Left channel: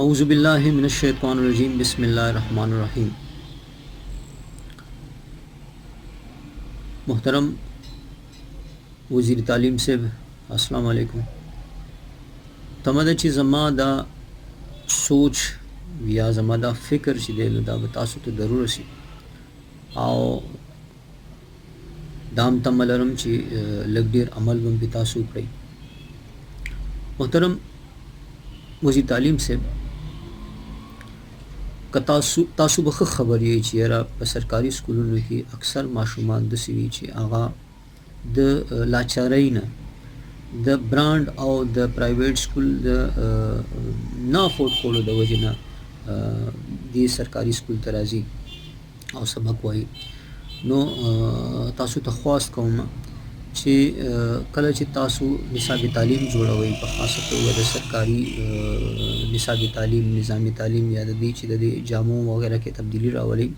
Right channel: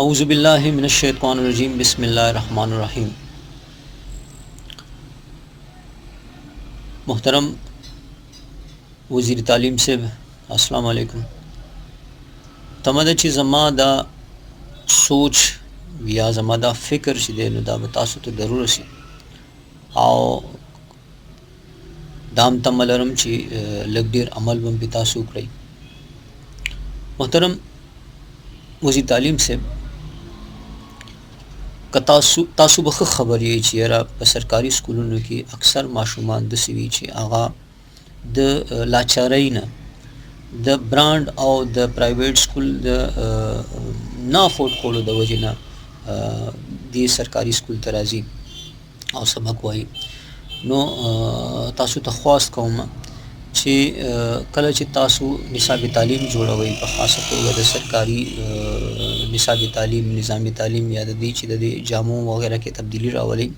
औज़ुबिल्लाहि मिनश्शैतानिर्रजीम बिस्मिल्लाहिर्रहमानिर्रहीम। मोहतरम वज़ीर तालीम साहब, अस्सलाम वालेकुम। तमदा چې زما دا سوچ या زما دا فکر چې دی نو دا به تاسو ته ضرور رسي او دام تمه لرم چې لږ ډېر عمل به پې تاسو وکړئ. محترم وزیر تعلیم صاحب، که تاسو به ښه خبر یې چې یاره په سرکاري سکولونو کې اکثر ماشومان داسې وي چې هغه د لاچارۍ نه د برانډ او د پرایویټ سکول د نه افورډ کولو د وجې نه دې سرکاري سکول ته راځي او سبق وایي. نو تاسو ته خواست کوم چې کله چې تاسو نصاب تعلیم جوړوئ، په خاصه توګه د سرکاري نصاب تعلیم، نظام تعلیم یا د دې چې د جامو وغیره کې تبدیلی راولئ،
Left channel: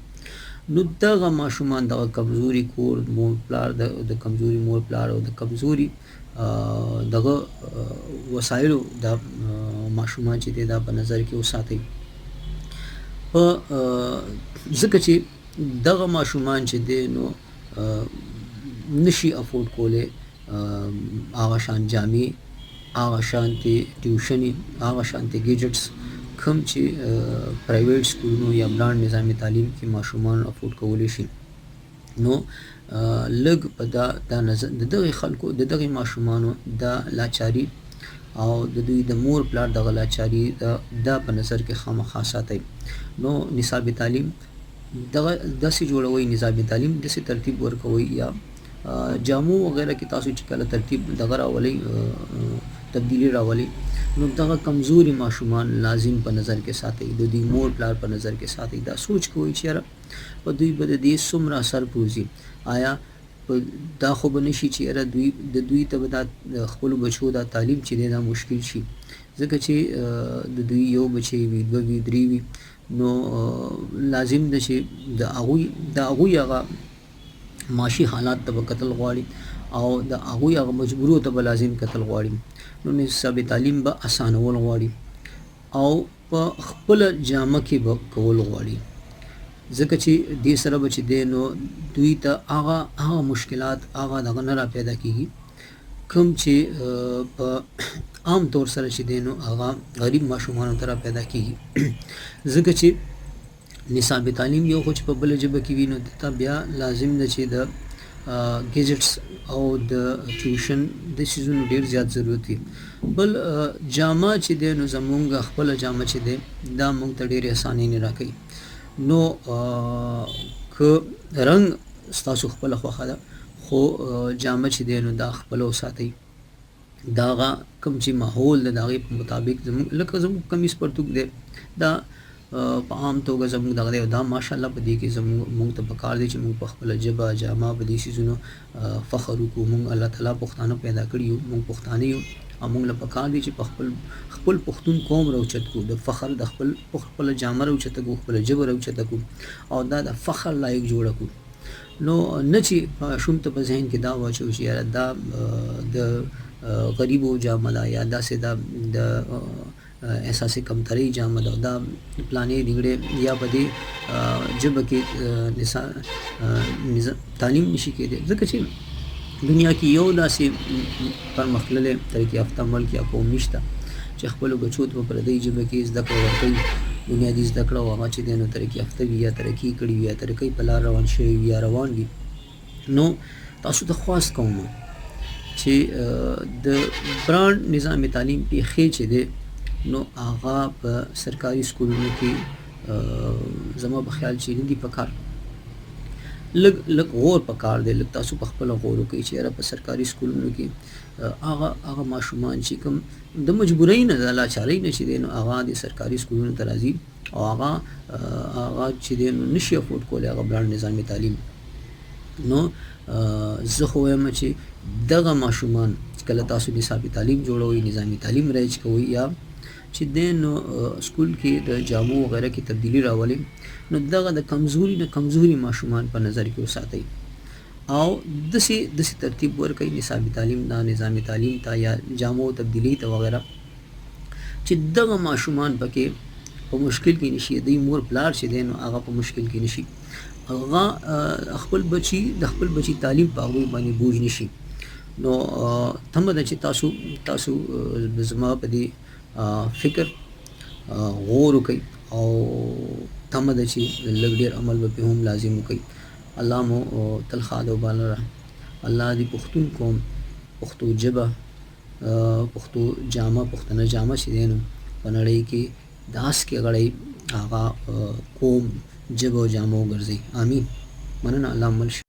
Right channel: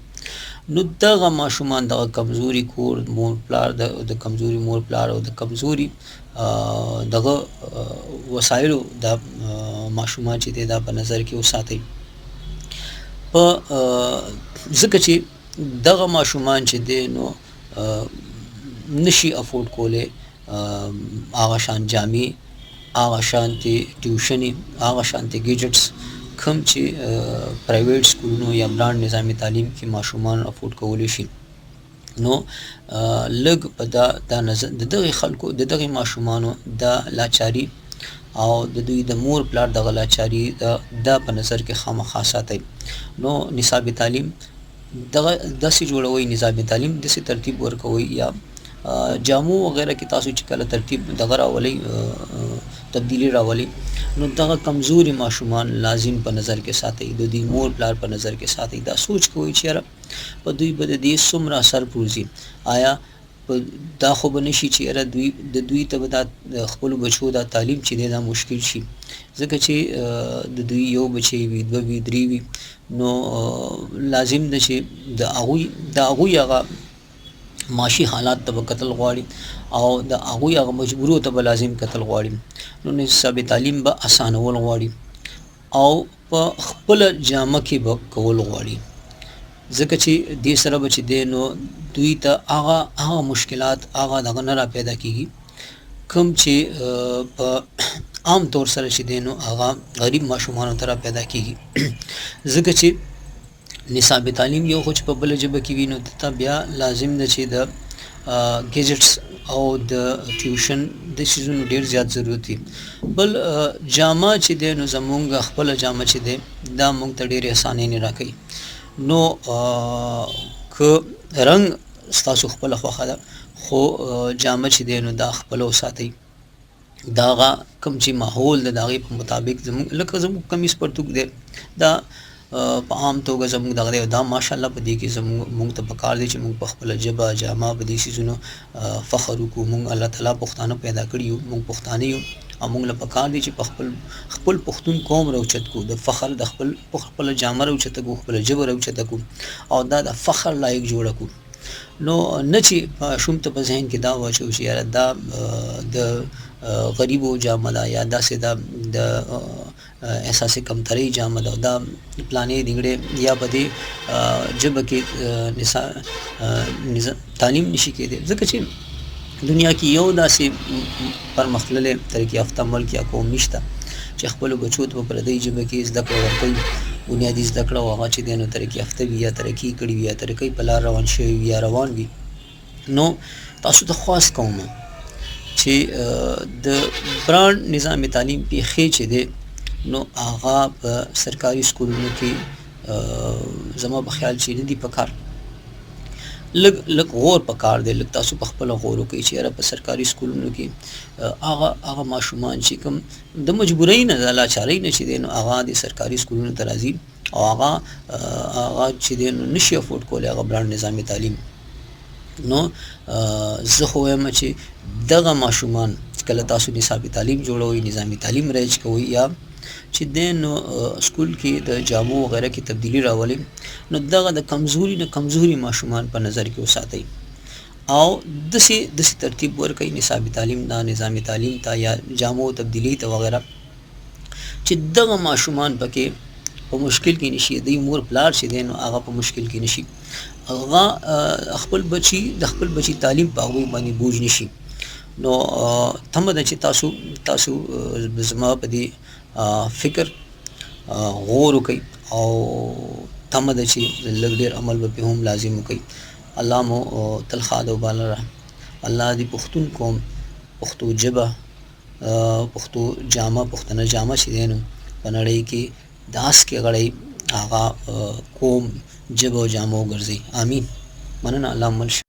نو دغه ماشومان دغه کمزوري کور مور پلار د کمزوري مور پلار او د کمزوري دغه وسایلو د ماشومان چې دا په نظر کې وساتئ. په ځکه چې دغه ماشومان چې دی نو نشي افورډ کولی هغه شان جامې، هغه شانتې ټیوشنې، هغه شانتې ګیجټس کوم چې پرایویټ سکولونو یا برانډ نظامي تعلیم کې ماشومان افورډ کولی شي. نو لږ په دا نظر د دغې خلکو د دغې ماشومانو دا لاچاري او د دوی د مور پلار دغه لاچاري دا په نظر کې خامخا ساتئ. نو نصاب تعلیم دغه داسې جوړوئ، نظام تعلیم داسې ترتیب ورکوئ یا جامو وغیره کې تاسو چې کله ترتیب دغه راولئ، تبدیلی راولئ، نو دغه کمزوري ماشومان لازم په نظر کې ساتئ، د دوی مور پلار په نظر کې ساتئ. دا سوچ کوئ چې یاره په دوی به د دې څومره اثر پروزي. آیا دا خو به نشي چې یاره دوی ته به دا خپلو بچو دا تعلیم چې دی دا مشکل شي، ځکه چې د دوی یو بچی وي، دوه وي، درې وي، نو لازم ده چې د هغوی هغه معاشي حالات ته به کتل غواړي او د هغوی هغه مجبورو ته به لازم کتل غواړي. نو نصاب تعلیم به اسانول غواړي او په خپله جامه کې به کول غواړي، ځکه چې دې سره به چې دی نو دوی ته هغه مشکلات هغه دغه نه را پیدا کېږي کوم چې په عام طور سره چې دی نو هغه غریب ماشومانو ته را پیدا کېږي. ځکه چې نصاب تعلیم یو خو چې په بله ژبه کې وي، نو دته بیا لازم ده چې د ګیجټس او د ټیوشن د څیزونو ډېر زیات ضرورت وي. بل جامه چې دی نو زمونږ خپله جامه چې دی دا موږ ته ډېرې اسانۍ نه راکوي. نو که رنګ ستاسو خپله خوښه ده، خو جامه چې دی نو دا خپله وساتئ. د هغه کوم چې ماحول د هغې په مطابق زموږ لکه زموږ کمیس پرتوګ دی دا په عام توګه زموږ دغه دی، دا ماشاءالله په دې کې موږ ته پکار دی چې موږ په خپله ژبه جامه په دې څیزونو فخر وکړو. موږ الله تعالی پښتانه پیدا کړي یو، موږ پښتانه یو او موږ له پکار دی چې په خپل پښتون قوم راوچت کړو، د فخر د خپله جامه راوچته کړو، خپله ژبه راوچته کړو او دا د فخر لایق جوړه کړو. نو نه چې ماشوم ته په ذهن کې دا واچو چې یاره دا د غریبو جامه ده یا داسې د احساس کمترۍ جامه ده، دا پلانې دنګړې یا په دې ژبه کې تعلیم نشي کېدی. ځکه چې دنیا کې یو داسې پرمختللی ترقي یافته ملک یا قوم نشته چې خپلو بچو ته په پردۍ ژبه کې زده کړه ورکوي، بنیادي زده کړه او هغه چې دی نو ترقي یافته وي یا ترقي کړي وي یا ترقۍ په لار روان شوي وي یا روان وي. نو تاسو ته خواست کوم چې د برانډ نظام تعلیم پیښې چې دی نو هغه په سرکاري سکولونو کې زما په خیال چې نه دي پکار، لږ غور پکار دی، لږ تاسو په خپله غور وکړئ چې یاره په سرکاري سکولونو کې هغه ماشومان چې کوم د مجبورۍ نه د لاچارۍ نه چې دی نو هغه د سرکاري سکولونو ته راځي او هغه چې دی نو نشي افورډ کولی هغه برانډ نظامي تعلیم. نو زه خو وایم چې دغه ماشومان کله تاسو نصاب تعلیم جوړوئ، نظامي تعلیم رایج کوئ یا چې دی نو سکول کې د جامو وغیره کې تبدیلی راولئ، نو دغه د کمزوري ماشومان په نظر کې وساتئ او داسې ترتیب ورکوئ نصاب تعلیم ته، نظام تعلیم ته یا جامو تبدیلی ته وغیره، چې دغه ماشومان پکې په مشکل کې نشي، د مور پلار چې دی نو هغه په مشکل کې نشي، هغه خپل بچي تعلیم په هغوی باندې بوج نشي. نو تمه ده چې تاسو زما په دې فکر غور وکړئ او تمه ده چې لږ ډېر عمل به پې هم لازم وکړئ. الله مو تل ښاد او باله الله دې پښتون قوم، پښتو ژبه، پښتو جامه، پښتنه جامه چې دی نو په نړۍ کې داس کې غړی هغه قوم ژبه او جامه وګرځي. آمین. مننه. الله مل شه.